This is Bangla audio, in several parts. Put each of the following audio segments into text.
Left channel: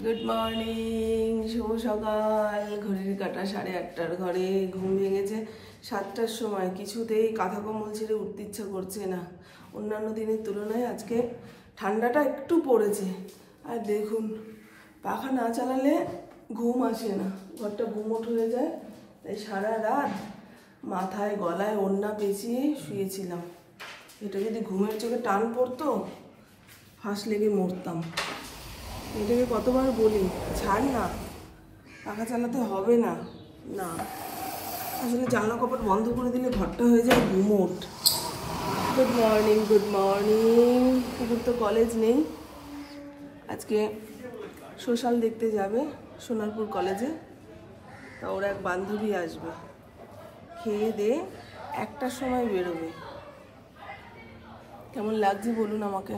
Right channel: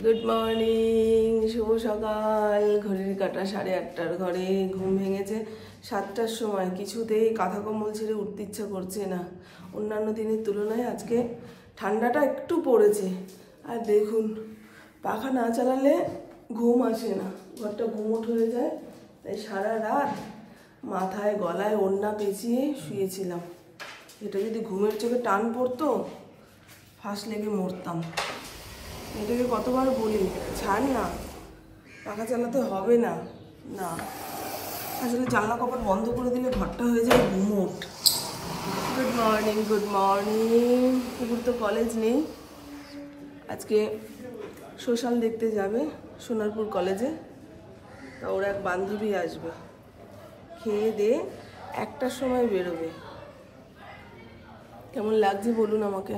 গুড মর্নিং, শুভ সকাল। ঘড়ির কাঁটা 8:30 ঘরে। ঘুম ভেঙেছে 7টার সময়। কিছুতেই কাঁথা কম্বল ছেড়ে উঠতে ইচ্ছা করছে না। অন্যান্য দিনের তুলনায় আজকে ঠান্ডাটা একটু পড়েছে। আর দেখুন, পাখা না চালালে ঘুম আসে না, ঘরটা গুমোট হয়ে যায়। তাই সারা রাত মাথায় গলায় ওড়না পেঁচিয়ে শুয়েছিলাম। এটা যদি ঘুমের চোখে টান পড়তো, ফাঁস লেগে মরতাম। এটাকে কতবার বলি, ছাড় না, পাখা চালাতে হবে না। না, আসলে জানলা কপাট বন্ধ করে দিলে ঘরটা হয়ে যায় গুমোট। Good morning, good morning. কুকুর তো কলেজ নেই, আজকে সোশ্যাল দেখতে যাবে সোনারপুর কলেজে। তা ওর এক বান্ধবী আসবে, খেয়ে দিয়ে 1টার সময় বেরোবে। কেমন লাগছে বলুন আমাকে।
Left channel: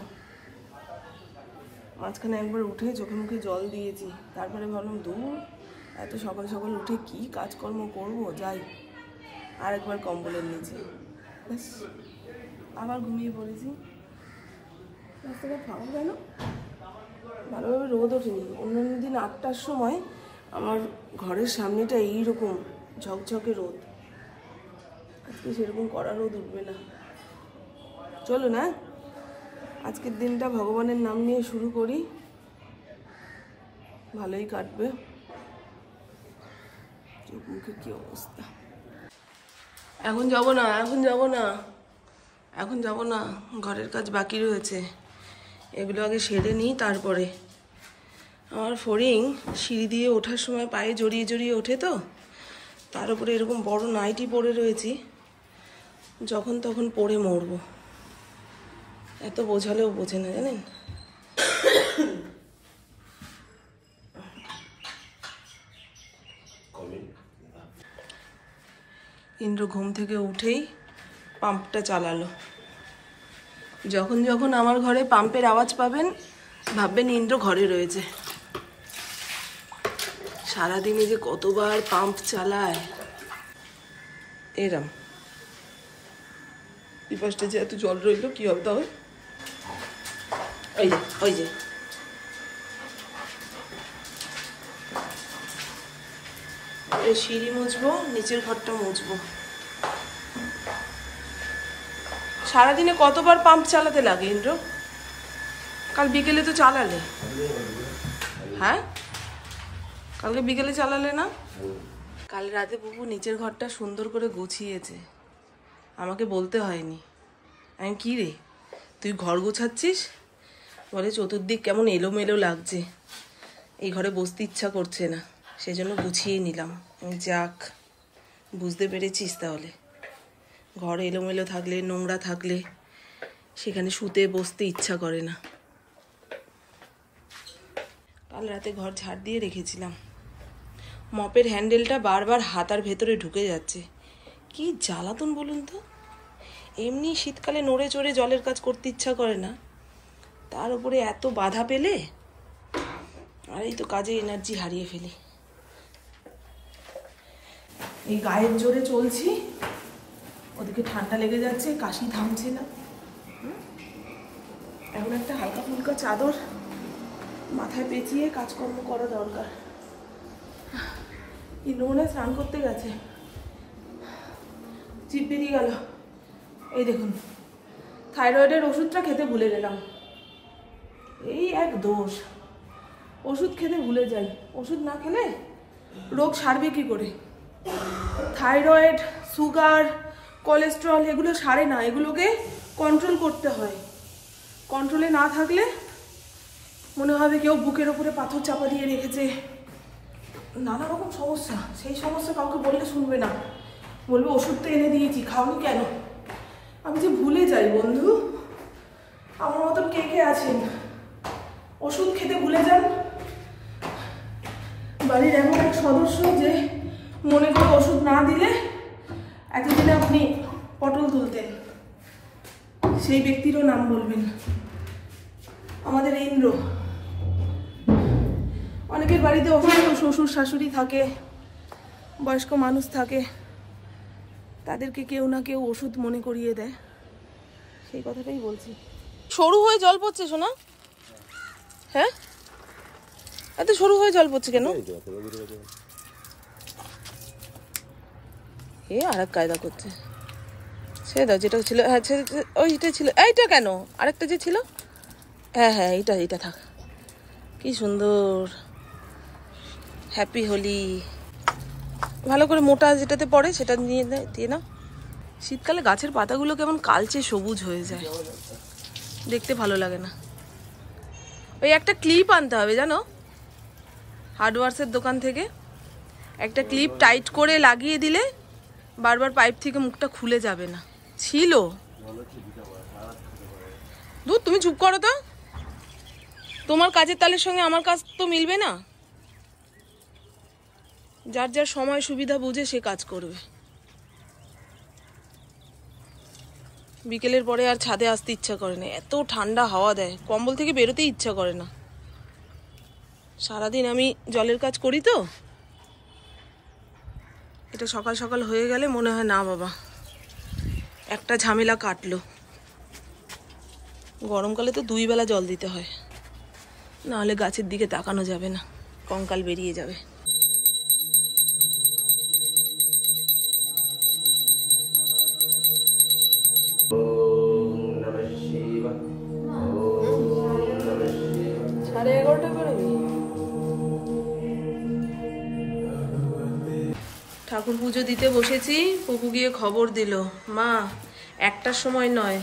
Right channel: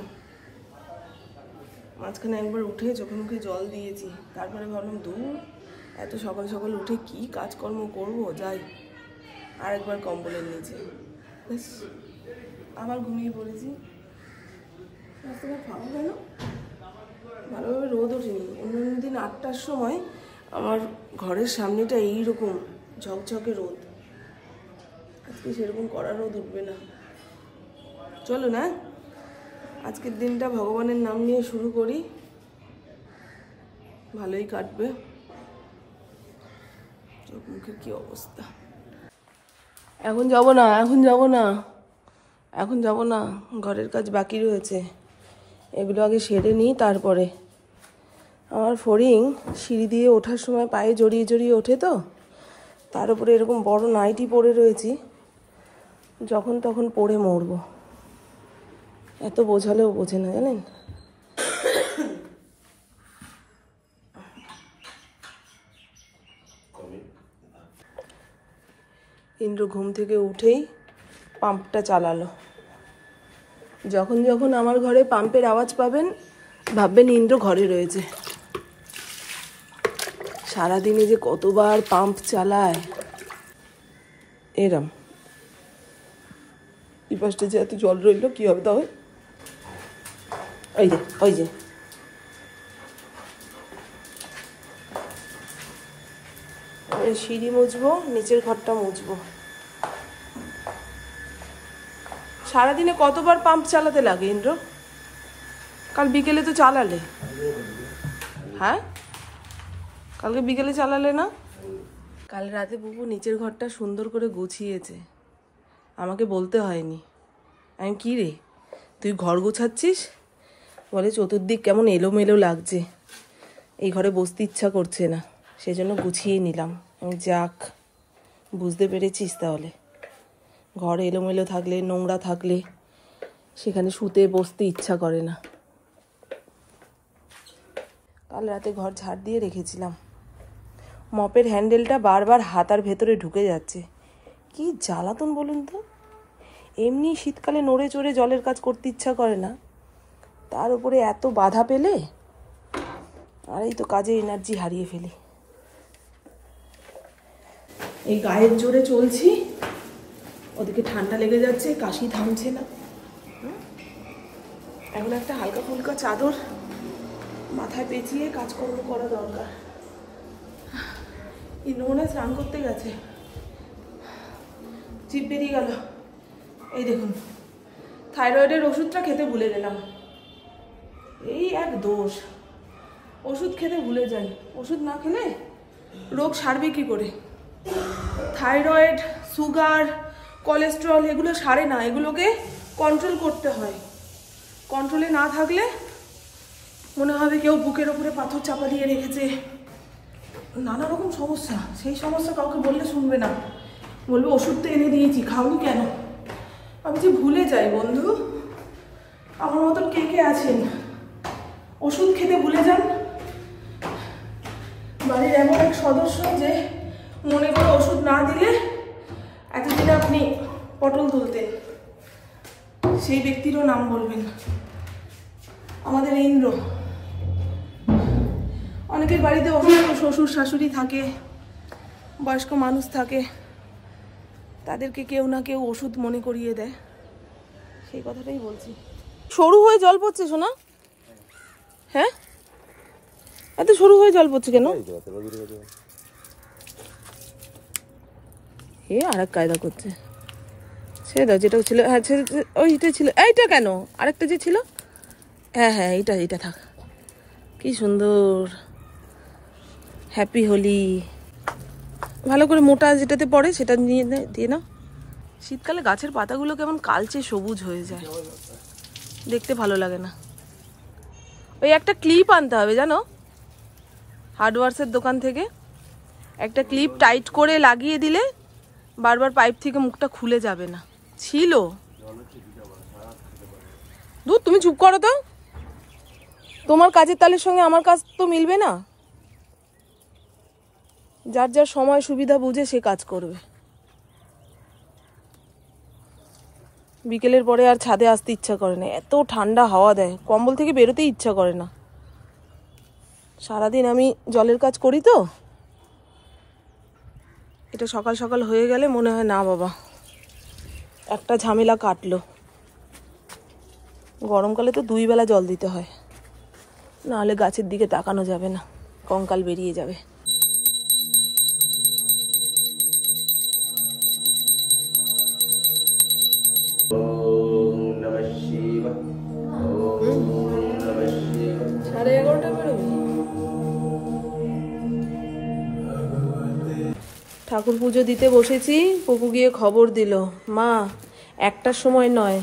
মাঝখানে একবার উঠে চোখে মুখে জল দিয়েছি, তারপরে ভাবলাম দূর, এত সকাল সকাল উঠে কি কাজকর্ম করব, যাই আরেকবার কম্বলের নিচে। ব্যাস, আবার ঘুমিয়ে পড়েছি। রাস্তাঘাট ফাঁকা কেন? ভালোভাবে রোদ ওঠেনি। অন্যান্য দিন 8টার সময় আমার ঘরের সামনেটা এইরকম ঝকঝকে রোদ, আজকে সেরকম কড়া রোদ উঠবে না। চলো না, আজকের দিনটা ভগবানের নাম নিয়ে শুরু করি, ভালোই কাটবে। চোখ মুখে কি অবস্থা। এখন যাব না, এখন যাব না, এখন যাব না, ঘরের কাজ বাকি রয়েছে, এগুলো আগে সেরে নিই তারপরে। আমার ফড়িং সিঁড়ি দিয়ে ওঠার সময় পায়ে জড়িয়ে জড়িয়ে ওঠে, তো তার উপরে এরকম বড় নাইটি পরে রয়েছি, যখন তখন পড়ে মরবো। এত বোঝালেও বোঝে না, জানেন। ইন্দ্র ঘুম থেকে উঠেই পাম্পটা চালালো। যখন যখন আমার ঘরে পাম্পের আওয়াজ পাবেন, ভাববেন ইন্দ্র ঘরে রয়েছে। সারাদিনে যে কতবার পাম্প চালায়। এরম এই পাশটা যে এত জল রইল, কি হবে তবে? ওই যে ওই যে সিঁড়ি মুছবো, নিচের ঘরটা মুছবো। সারাদিনে কতবার পাম্প চালাতে লাগে ইন্দ্র? কাল বিকেলে তো চালালে। হ্যাঁ, কালকে বিকেলে চালালে না? কাল রাতে বুবু নিচের ঘরটা সুন্দর করে গুছিয়েছে, আমাকে বলতে হয়নি। আমি কি রে, তুই ঘর গোছাচ্ছিস? বলে চতুর্দিক কেমন এলোমেলো লাগছে, এই ঘরে বসতে ইচ্ছা করছে না, সেজন্য গুছিয়ে নিলাম। আমি যাক, বুঝতে পেরেছিস তাহলে। ঘর এলোমেলো থাকলে, নোংরা থাকলে সেখানে শুতে বসতে ইচ্ছা করে না। কাল রাতে ঘর ঝাড় দিয়ে রেখেছিলাম, মপের হ্যান্ডেলটা বারবার হাতার ভেতরে ঢুকে যাচ্ছে। কি জ্বালাতন বলুন তো। এমনি শীতকালে নড়ে চড়ে জলের কাজ করতে ইচ্ছা করে না, তার উপরে এত বাধা পেলে আর এই তো কাজে এনার্জি হারিয়ে ফেলি। এই গায়ের জোরে চলছি, ওদিকে ঠান্ডা লেগে যাচ্ছে, কাশি থামছে না। এখন একটা হালকা ফুলকা চাদর মাথায় পেঁচিয়ে কাজকর্ম করা দরকার। ইন্দ্রমনে স্নান করতে গেছে, জিভ বেরিয়ে গেল। এই দেখুন, থাইরয়েডের ওষুধটা খেতে ভুলে গেলাম। এই এক দোষ, ওষুধ খেতে ভুলে যাই। ওষুধ না খেলে রোগ সারবে কি করে? থাইরয়েড, সুগার, কোলেস্টেরল এগুলো সারে না, এগুলোকে কন্ট্রোল করতে হয়। কন্ট্রোলে না থাকলে মনে হবে কেউ বুকের ওপরে পাথর চাপা দিয়ে রেখেছে, নানা রকম সমস্যা। সেই সমস্যা কাউকে বললে শুনবে না, বলবে ওষুধ তো এনে দিয়েছি, খাওনি কেন? আমি যে ভুলে যাই বন্ধু, আমার মতন কে কে আছেন ওষুধ খেতে ভুলে যান? বাড়ির এমন এক সদস্য যে মনে করে ওষুধ না দিলে এতদিনে আপনি পটল তুলতেন, সেই ব্যক্তিরও নাম বলবেন। আমাদের ইন্দ্র। অনেকের বাড়িতে অসুস্থ শ্বশুর শাশুড়ি থাকে, বয়স্ক মানুষ থাকে, তাদেরকে কেউ না কেউ ওষুধ মনে করিয়ে দেয়। সেই কথাটাই বলছি। সরু হয়ে জল পড়ছে শোনা। হ্যাঁ, এত শুরু হয়ে জল পড়ছে কেন? এ আরেক কায়দা করছে। সেই দাও যেটা ছিল, হ্যাঁ ওইটা ছিল। এইটা কেন? আরেকটা যে ছিল, হ্যাঁ হ্যাঁ এটা থাক। কি সুন্দর, হ্যাপি হোলি। ভালো করে মোটা যেটাতে পড়ে সেটা দিয়ে নাও। শীতকালে গাছের পাতাগুলো কেমন কালচে সবুজ হয়ে যায়, দেখতে ভালো লাগে না। ওই একটা ক্লিপ আনতে হবে জানো, হার্ডওয়ার্সের দোকান থেকে। একটা ক্লিপ টাইট করে লাগিয়ে দিলে বারবার পাইপ থেকে মুখটা খুলে যাবে না। ছিল দুধ, তুমি চুপ করো তো, তোমার কাজের তালের সঙ্গে আমার কাজ তো মিলবে না। যার যার সময় সুবিধা বুঝে সে কাজ করবে। বিকেলের পরে আর ছাদে আসতে ইচ্ছা করে না, এত ঠান্ডা হাওয়া দেয়, কম্বল থেকে বেরোতেই ইচ্ছা করে না। সারাদিন আমি জলের কাজ করি তো, এটা সকাল সকাল হয়ে গেলে মনে হয় না বাবা একটা ঝামেলা কাটলো। গরমকালে তো 2 বেলা জল দিতে হয়, নাহলে গাছের দিকে তাকানো যাবে না, কঙ্কাল বেরিয়ে যাবে। ঠাকুর পুজো দিতে বসেছি, পপু গিয়ে খবর দিল, মা 1টার সময় নয়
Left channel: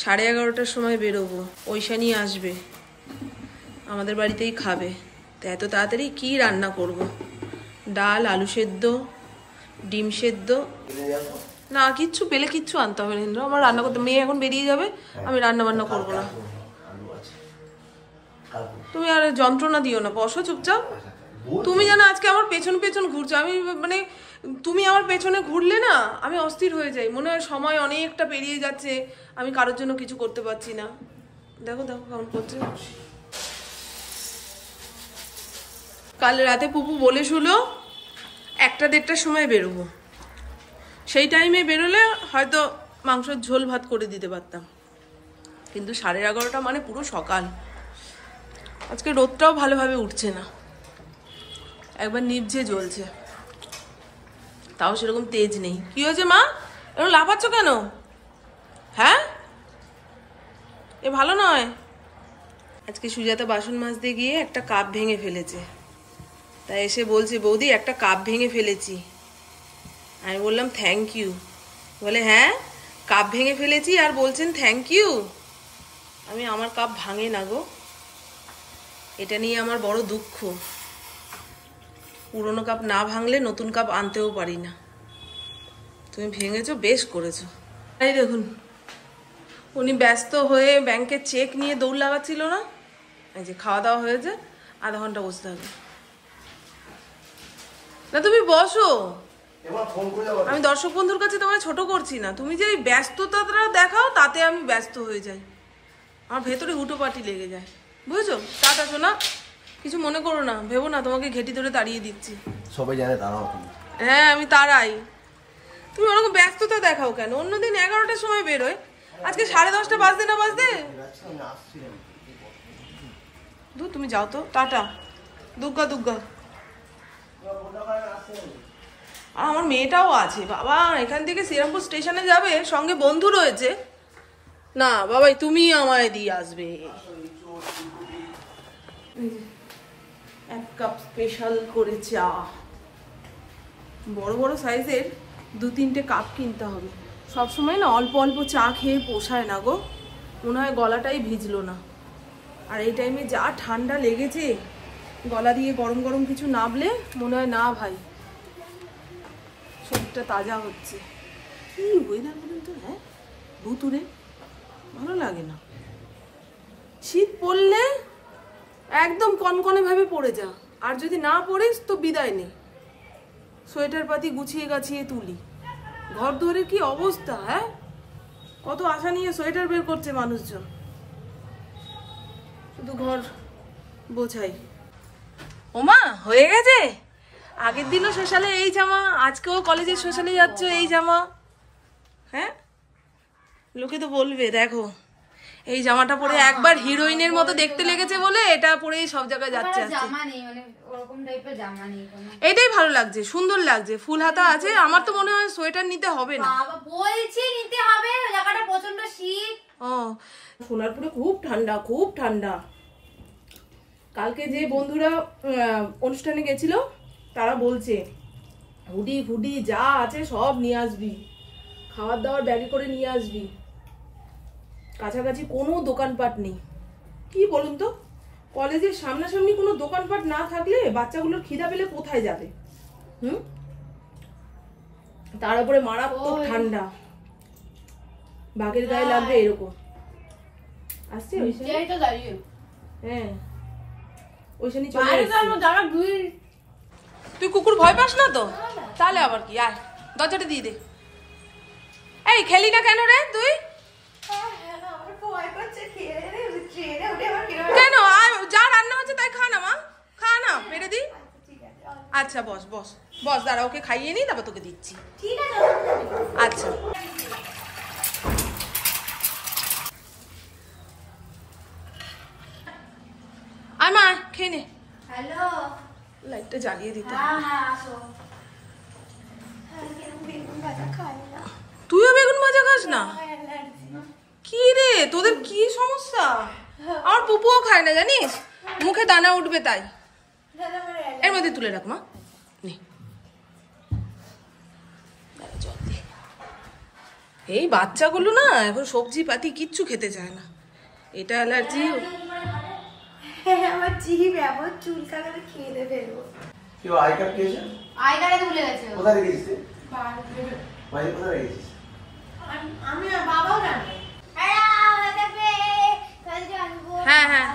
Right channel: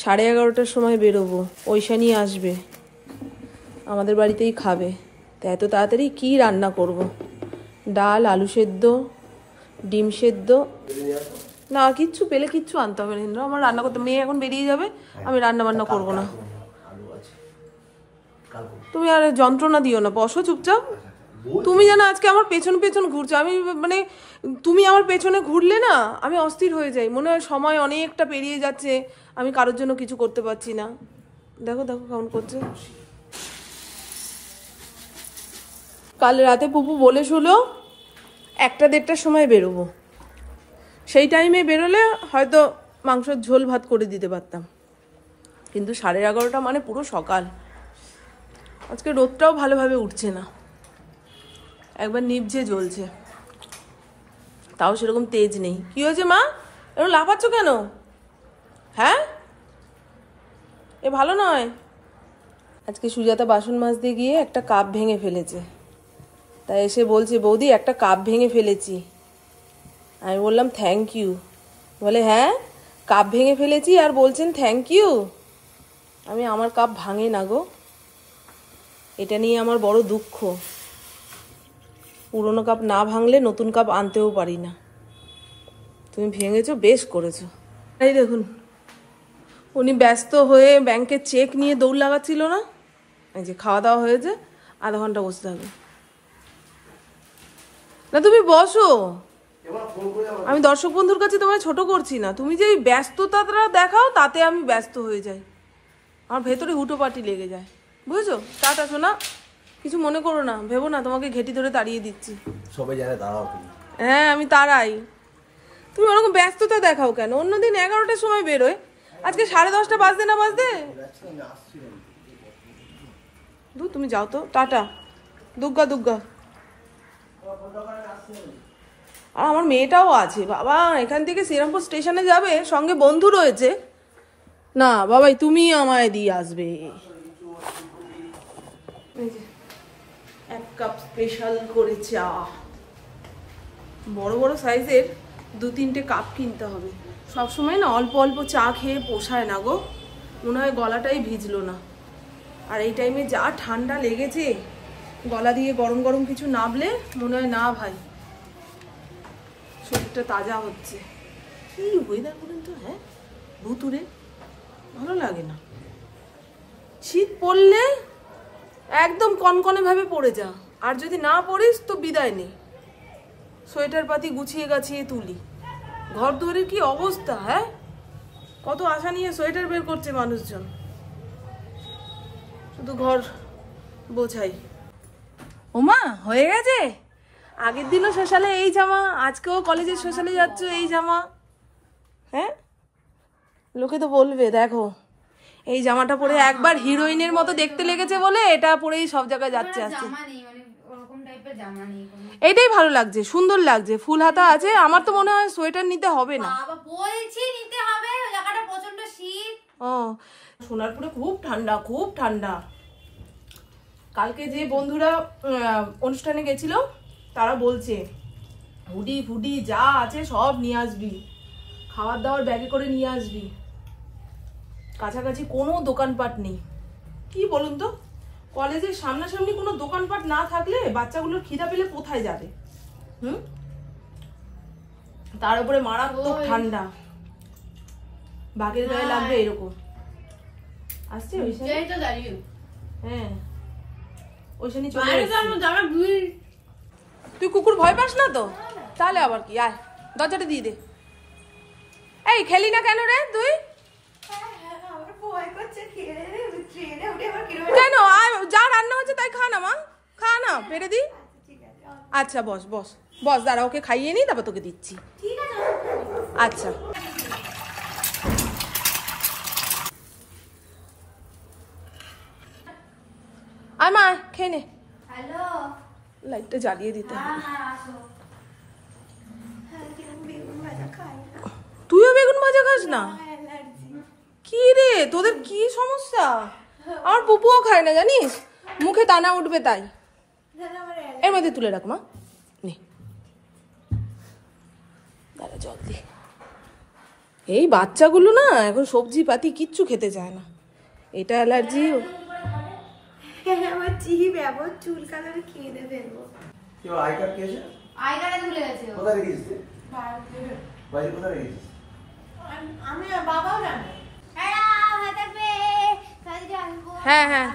11:30টার সময় বেরোবো, ঐশানি আসবে, আমাদের বাড়িতেই খাবে। তা এত তাড়াতাড়ি কি রান্না করব? ডাল, আলু সেদ্ধ, ডিম সেদ্ধ, না কিচ্ছু পেলে কিচ্ছু আনতে হবে না। আমার রান্না করতে, মেয়ে এখন বেরিয়ে যাবে, আমি রান্না বান্না করবো না। তুমি আর যন্ত্রণা দিও না, বসো চুপচাপ। তুমি জানো আজকে আমার পেছন পেছন ঘুরছো, আমি মানে তুমি আমার পেছনে ঘুরলে না আমি অস্থির হয়ে যাই, মনে হয় সময় অনেকটা পেরিয়ে যাচ্ছে, আমি কারোর জন্য কিছু করতে পারছি না। দেখো দেখো কেমন করছে। কাল রাতে পুপু বলে শুলো 1টা-1:30টার সময় বেরোবো, সেই টাইমে বেরোলে হয়তো মাংসের ঝোল ভাত করে দিতে পারতাম, কিন্তু 11:30 মানে পুরো সকাল। আজকে রোদটাও ভালোভাবে উঠছে না, একবার নিভঝে জ্বলছে, তাও সেরকম তেজ নেই। কি হয়েছে মা, এরকম লাফাচ্ছ কেন? হ্যাঁ এ ভালো নয়। আজকে সুজাতা বাসন মাজতে গিয়ে একটা কাপ ভেঙে ফেলেছে, তাই এসে বলছে বৌদি একটা কাপ ভেঙে ফেলেছি। আমি বললাম থ্যাংক ইউ। বলে হ্যাঁ কাপ ভেঙে ফেলেছি আর বলছেন থ্যাংক ইউ? আমি আমার কাপ ভাঙে না গো, এটা নিয়ে আমার বড় দুঃখ। পুরনো কাপ না ভাঙলে নতুন কাপ আনতেও পারি না। তুমি ভেঙেছো, বেশ করেছো। এই দেখুন উনি ব্যস্ত হয়ে ব্যাংকের চেক নিয়ে দৌড় লাগাচ্ছিল না, এই যে খাওয়া দাওয়া হয়েছে, আধা ঘন্টা বসতে হবে না। তুমি বসো, আমি দর্শক বন্ধুর কাছে তোমায় ছোট করছি না, তুমি যে ওই ব্যস্ততাটা দেখাও তাতে আমি ব্যস্ত হয়ে যাই, আমার ভেতরে হুটোপাটি লেগে যায়, বুঝেছো? টাটা শোনা, কিছু মনে করো না, ভেবো না তোমাকে ঘেটি ধরে তাড়িয়ে দিচ্ছি। সবাই জানে দাঁড়াও তুমি। হ্যাঁ আমি তারাই, তুমি ওরকম ব্যস্ততা দেখাও কেন? অন্যদিন 11টার সময় বেরোয়, আজকে 10:30 বাজতে না বাজতে। তুমি যাও তো, টাটা, দুগ্গা দুগ্গা। আমার মেয়েটাও আছে বাবা, এখান থেকে শ্রীরামপুর স্টেশনে যাবে, সঙ্গে বন্ধু রয়েছে। না বাবাই তুমি আমায় দিয়ে আসবে। 1 কাপ স্পেশাল করে চা, বড় বড় সাইজের 2-3টে কাপ কিনতে হবে। সবসময় না অল্প অল্প চা খেয়ে পোষায় না গো, মনে হয় গলাটাই ভিজলো না। আর এই টাইমে যা ঠান্ডা লেগেছে, গলা দিয়ে গরম গরম কিছু নাবলে মনে হয় না ভাই শরীরটা তাজা হচ্ছে। কি ওয়েদার বলুন তো, হ্যাঁ ভুতুরে, ভালো লাগে না। শীত পড়লে একদম কনকনে ভাবে পড়ে যা, আর যদি না পড়িস তো বিদায় নেই। সোয়েটার পাতি গুছিয়ে গাছিয়ে তুলি, ঘর দুয়ারের কি অবস্থা, হ্যাঁ কত আশা নিয়ে সোয়েটার বের করছে মানুষজন, শুধু ঘর বোঝাই। ওমা হয়ে গেছে, আগের দিনও সোশ্যালে এই জামা, আজকেও কলেজের সোশ্যালে যাচ্ছ এই জামা, হ্যাঁ লোকে তো বলবে দেখো এই জামাটা পরে একবার হিরোইনের মতো দেখতে লেগেছে বলে এটা পরেই সব জায়গায় যাচ্ছে। এইটাই ভালো লাগছে, সুন্দর লাগছে, ফুল হাতা আছে। আমার তো মনে হয় সোয়েটার নিতে হবে না। বলছি নিতে হবে, জায়গাটা প্রচন্ড শীত। ও সোনারপুরে খুব ঠান্ডা, খুব ঠান্ডা। কালকে যে বন্ধুরা অনুষ্ঠানে গেছিল তারা বলছে হুডি ফুডি যা আছে সব নিয়ে আসবি, খাবার দাবার ব্যাগে করে নিয়ে আসবি। কাছাকাছি কোনো দোকানপাট নেই। কি বলুন তো, কলেজের সামনাসামনি কোনো দোকানপাট না থাকলে বাচ্চাগুলোর খিদা পেলে কোথায় যাবে? তার উপরে মারাত্মক ঠান্ডা, বাঘের গায়ে লাগবে এরকম। আসছে হ্যাঁ, ওইখানে চলে তুই কুকুর ভয় পাস না তো? তাহলে আবার কি, আয় দরজাটা দিয়ে দে। এই খেলি না কেন রে তুই? কেন? যা রান্না হচ্ছে তাই খা না মা, খা না, পেরে দি। আচ্ছা বস বস বস, দাঁড়া ওকে খাইয়ে নি তারপর তোকে দিচ্ছি। আচ্ছা আয় মা, খেয়ে নে। হ্যালো, লাইটটা জ্বালিয়ে দিতে হবে। তুইও বেগুন ভাজা খাস না? কি রে তোদের কি সমস্যা? আমার পুপুও খায় না জানিস, মুখে দানা উঠবে তাই। এর মধ্যে তুলে রাখ মা, নে জল দি। এই বাচ্চাগুলো না এখন সবজি পাতি কিচ্ছু খেতে চায় না, এটা অ্যালার্জি। আমার জিভ এমন চুল কালারে খেয়ে ফেলবো। কি আই কার্ড কি আছে? আই কার্ড ভুলে গেছে। কোথায় রেখেছিস? বাড়ি কোথায় রেখেছিস? আমি বাবাও জানে। হ্যাঁ হ্যাঁ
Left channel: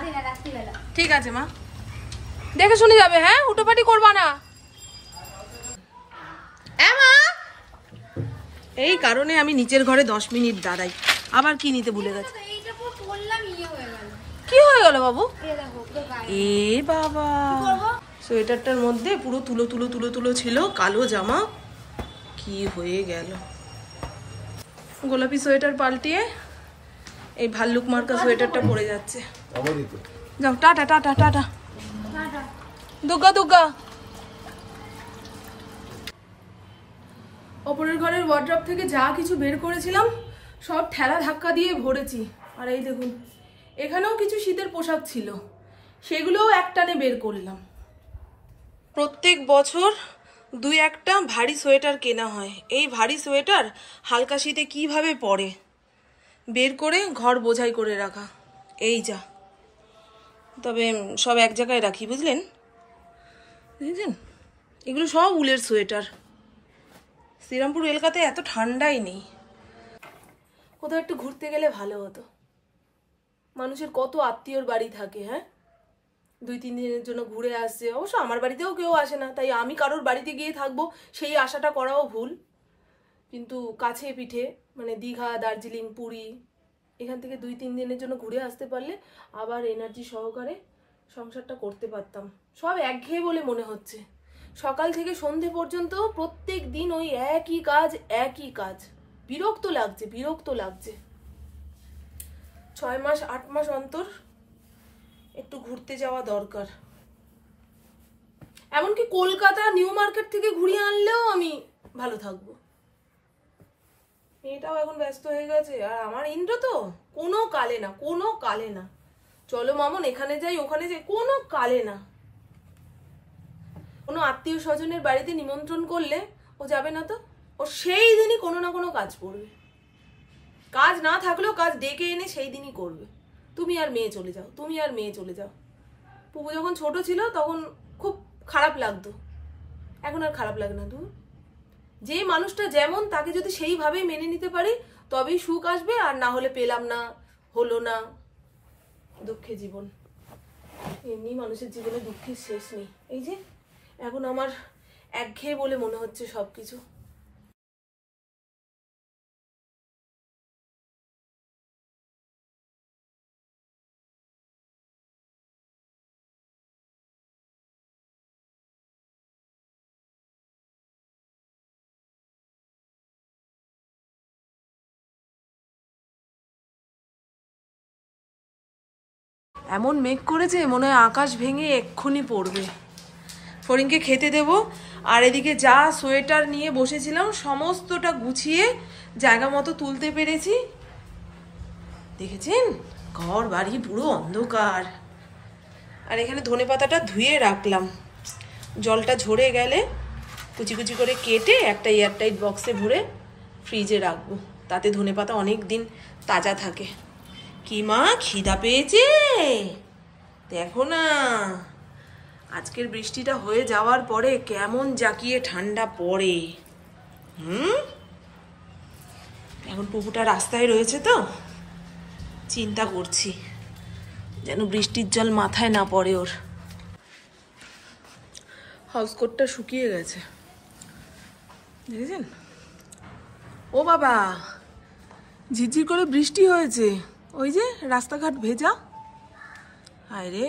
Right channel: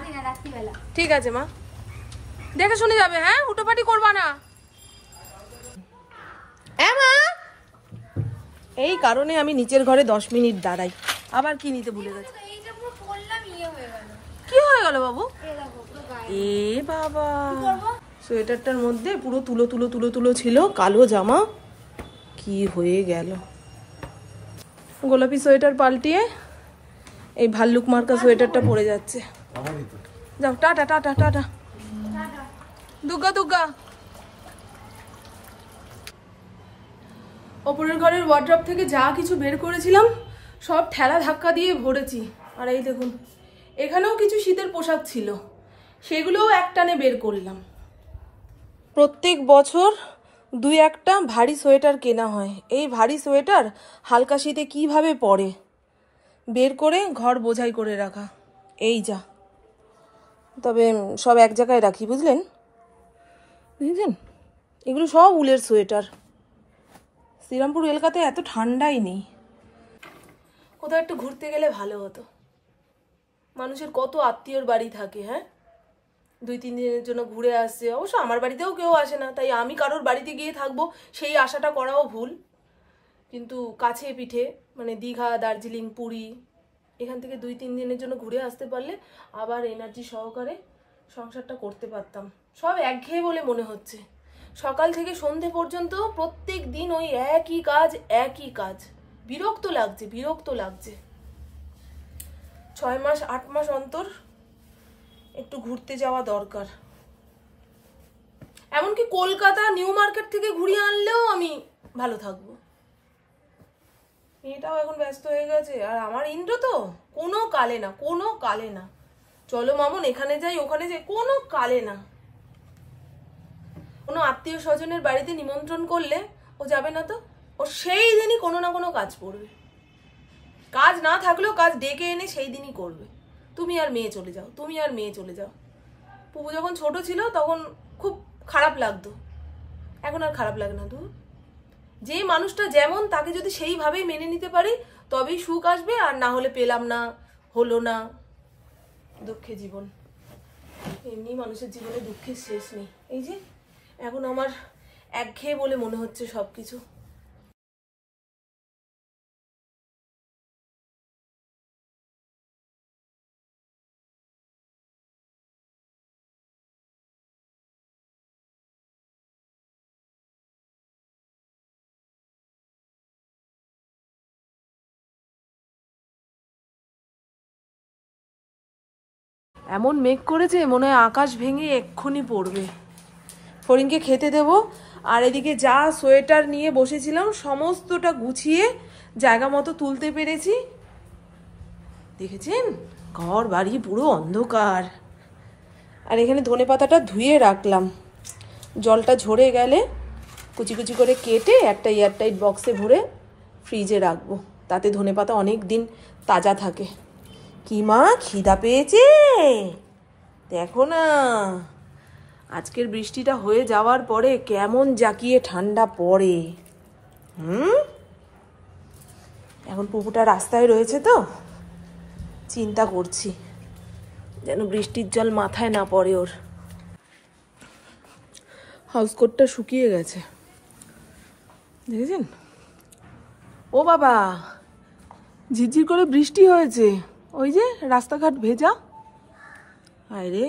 ঠিক আছে মা, দেখে শুনে যাবে। হ্যাঁ হুটোপাটি করবা না। এই কারণে আমি নিচের ঘরে 10 মিনিট দাঁড়াই। আবার কি নিতে ভুলে গেছে? কি হয়ে গেল বাবু? এ বাবা, সোয়েটারটার মধ্যে পুরো তুলো তুলো তুলো তুলো ছিল, কালো জামা, কি হয়ে গেল। গোলাপি সোয়েটার পাল্টিয়ে এই ভাল্লুক মার্কা সোয়েটারটা পরে যাচ্ছে। যাও tata tata tata, Durga Durga. ওপরের ঘরের ওয়ার্ড্রপ থেকে যা কিছু বের করেছিলাম সব ঠেলা ধাক্কা দিয়ে ভরেছি। আর এই দেখুন এখানেও কিছু শীতের পোশাক ছিল, সেগুলোও একটানে বের করলাম। প্রত্যেক বছর 2-1টা ভারী সোয়েটার কেনা হয়। এই ভারী সোয়েটার হালকা শীতে কিভাবে পরে, বের করে ঘর বোঝাই করে রাখা। এই যা, তবে সব এক জায়গায় রাখি, বুঝলেন বুঝলেন। এগুলো সব উলের সোয়েটার। শ্রীরামপুর এলাকাতে এত ঠান্ডাই নেই। কোথাও একটু ঘুরতে গেলে ভালো হতো। মানুষের কত আত্মীয়র বাড়ি থাকে, হ্যাঁ 2-3 দিনের জন্য ঘুরে আসছে। অবশ্য আমার বাড়িতেও কেউ আসে না, তাই আমি কারোর বাড়িতে গিয়ে থাকবো সেই আশাটা করাও ভুল। কিন্তু কাছে পিঠে মানে দীঘা, দার্জিলিং, পুরী, এখান থেকে 2-3 দিনের জন্য ঘুরে আসতে পারলে আবার এনার্জি সহকারে সংসারটা করতে পারতাম। সব একঘেয়ে বলে মনে হচ্ছে। সকাল থেকে সন্ধে পর্যন্ত প্রত্যেক দিন ওই একই কাজ একই কাজ, বিরক্ত লাগছে বিরক্ত লাগছে। 6 মাস 8 মাস অন্তর একটু ঘুরতে যাওয়া দরকার। এমনকি কলকাতা নিউ মার্কেট থেকে ঘুরিয়ে আনলেও আমি ভালো থাকবো। এটাও এখন ব্যস্ত হয়ে গেছে, আর আমার ইন্দ্র তো কোনো কালে না, কোনো কালে না। চলো মামন এখানে যাই ওখানে যাই, কোনো কালে না। কোনো আত্মীয় স্বজনের বাড়িতে নিমন্ত্রণ করলে ও যাবে না তো, ও সেই দিনই কোনো না কোনো কাজ পড়বে। কাজ না থাকলেও কাজ ডেকে এনে সেই দিনই করবে। তুমি আর মেয়ে চলে যাও, তুমি আর মেয়ে চলে যাও। পুপু যখন ছোট ছিল তখন খুব খারাপ লাগতো, এখন আর খারাপ লাগে না। দূর, যে মানুষটা যেমন তাকে যদি সেইভাবেই মেনে নিতে পারি তবেই সুখ আসবে, আর না হলে পেলাম না, হলো না, দুঃখে জীবন। এমনি মানুষের জীবনে দুঃখের শেষ নেই। এই যে এখন আমার একঘেয়ে বলে মনে হচ্ছে সবকিছু। এমন মেঘ করেছে মনে হয় আকাশ ভেঙে এক্ষুনি পড়বে। ফড়িংকে খেতে দেব, আর এদিকে যা সোয়েটার নিয়ে বসেছিলাম সমস্তটা গুছিয়ে জায়গা মতো তুলতে পেরেছি। দেখেছেন ঘর বাড়ি পুরো অন্ধকার। আর এখানে ধনেপাতাটা ধুয়ে রাখলাম, জলটা ঝরে গেলে কুচি কুচি করে কেটে একটা এয়ারটাইট বক্সে ভরে ফ্রিজে রাখবো, তাতে ধনেপাতা অনেক দিন তাজা থাকে। কি মা খিদা পেয়েছে? দেখো না আজকের বৃষ্টিটা হয়ে যাওয়ার পরে কেমন জাকিয়ে ঠান্ডা পড়ে। এখন পুকুরটা রাস্তায় রয়েছে তো চিন্তা করছি যেন বৃষ্টির জল মাথায় না পড়ে ওর। হাউসকোটটা শুকিয়ে গেছে দেখেছেন? ও বাবা ঝিরঝির করে বৃষ্টি হয়েছে, ওই যে রাস্তাঘাট ভেজা। হায় রে,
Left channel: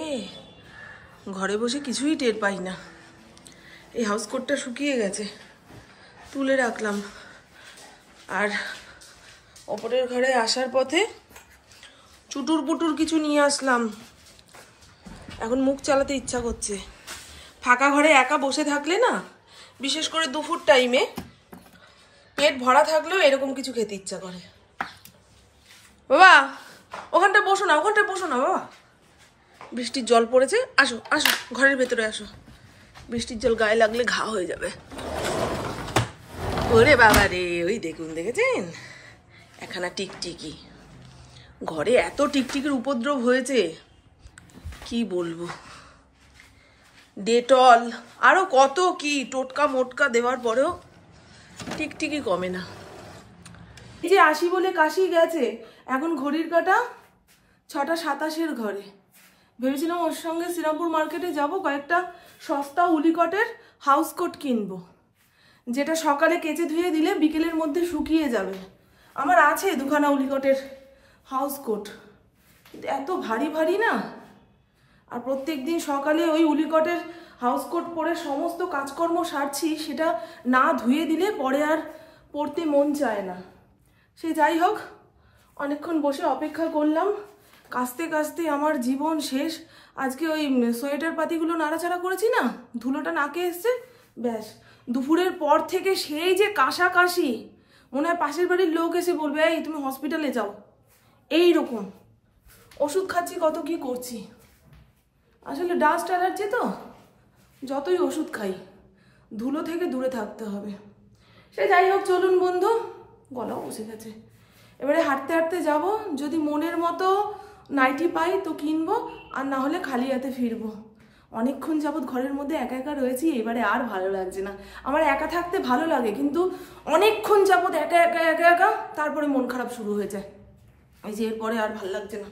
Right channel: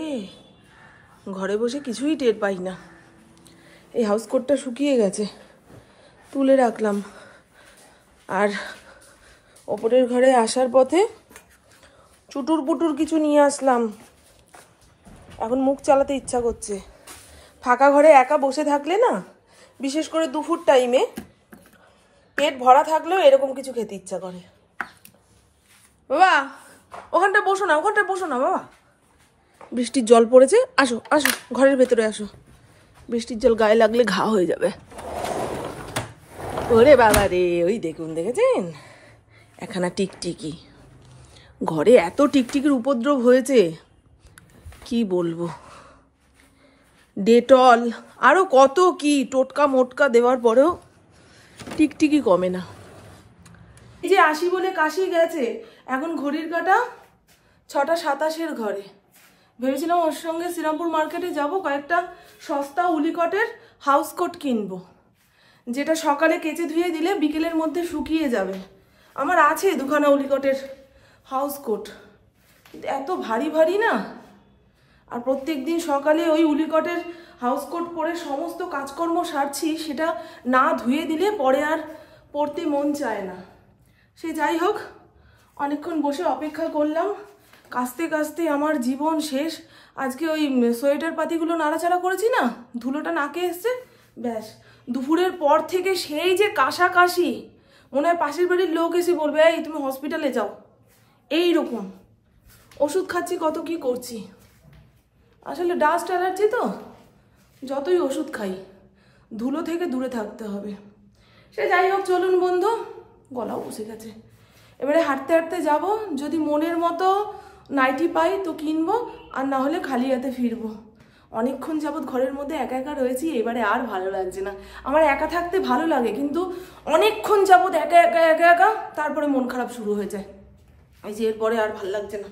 ঘরে বসে কিছুই টের পাই না। এই হাউসকোটটা শুকিয়ে গেছে, তুলে রাখলাম। আর ওপরের ঘরে আসার পথে চুটুর পুটুর কিছু নিয়ে আসলাম। এখন মুখ চালাতে ইচ্ছা করছে। ফাঁকা ঘরে একা বসে থাকলে না, বিশেষ করে দুপুর টাইমে পেট ভরা থাকলেও এরকম কিছু খেতে ইচ্ছা করে। বাবা ওখানটা বসো না, ওখানটা বসো না বাবা। বৃষ্টির জল পড়েছে, আসো আসো ঘরের ভেতরে আসো, বৃষ্টির জল গায়ে লাগলে ঘা হয়ে যাবে। ওরে বাবা রে, ওই দেখুন দেখেছেন একখানা টিকটিকি। ঘরে এত টিকটিকির উপদ্রব হয়েছে কি বলবো। ডেটল আরো কত কি টোটকা মোটকা দেওয়ার পরেও টিকটিকি কমে না। এই যে আসি বলে কাশি গেছে, এখন ঘড়ির কাঁটা 6:27 ঘরে। ভেবেছিলাম ওর সঙ্গে শ্রীরামপুর মার্কেটে যাব, কয়েকটা সস্তা উলিকটের হাউসকোট কিনবো, যেটা সকালে কেচে ধুয়ে দিলে বিকেলের মধ্যে শুকিয়ে যাবে। আমার আছে দুখানা উলিকটের হাউসকোট, কিন্তু এত ভারী ভারী না। আর প্রত্যেক দিন সকালে ওই উলিকটের হাউসকোট পরে সমস্ত কাজকর্ম সারছি, সেটা না ধুয়ে দিলে পরে আর পরতে মন চায় না। সে যাই হোক, অনেকক্ষণ বসে অপেক্ষা করলাম, কাস্তে কাস্তে আমার জীবন শেষ। আজকে ওই সোয়েটার পাতিগুলো নাড়াচাড়া করেছি না, ধুলোটা নাকে এসছে, ব্যাস দুপুরের পর থেকে সেই যে কাশাকাশি, মনে হয় পাশের বাড়ির লোক এসে বলবে এই তুমি হসপিটালে যাও। এই রকম ওষুধ খাচ্ছি, কত কি করছি। আসলে ডাস্ট অ্যালার্জি তো, যতই ওষুধ খাই ধুলো থেকে দূরে থাকতে হবে। সে যাই হোক, চলুন বন্ধু, গলাও বসে গেছে। এবারে হাঁটতে হাঁটতে যাব, যদি মনের মতো নাইটি পাই তো কিনবো, আর না হলে খালি হাতে ফিরবো। অনেকক্ষণ যাবৎ ঘরের মধ্যে একা একা রয়েছি, এবারে আর ভালো লাগছে না। আমার একা থাকতে ভালো লাগে, কিন্তু অনেকক্ষণ যাবৎ একা একা একা একা তারপরে মন খারাপ শুরু হয়ে যায়। এই যে এরপরে আর ভালো লাগছে না।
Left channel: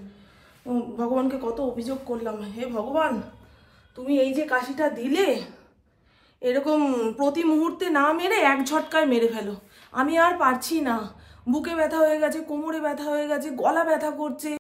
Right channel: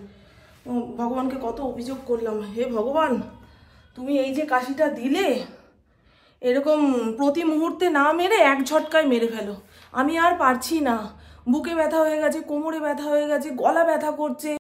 ভগবানকে কত অভিযোগ করলাম, হে ভগবান তুমি এই যে কাশিটা দিলে, এরকম প্রতি মুহূর্তে না মেরে এক ঝটকায় মেরে ফেলো। আমি আর পারছি না, বুকে ব্যথা হয়ে গেছে, কোমরে ব্যথা হয়ে গেছে, গলা ব্যথা করছে।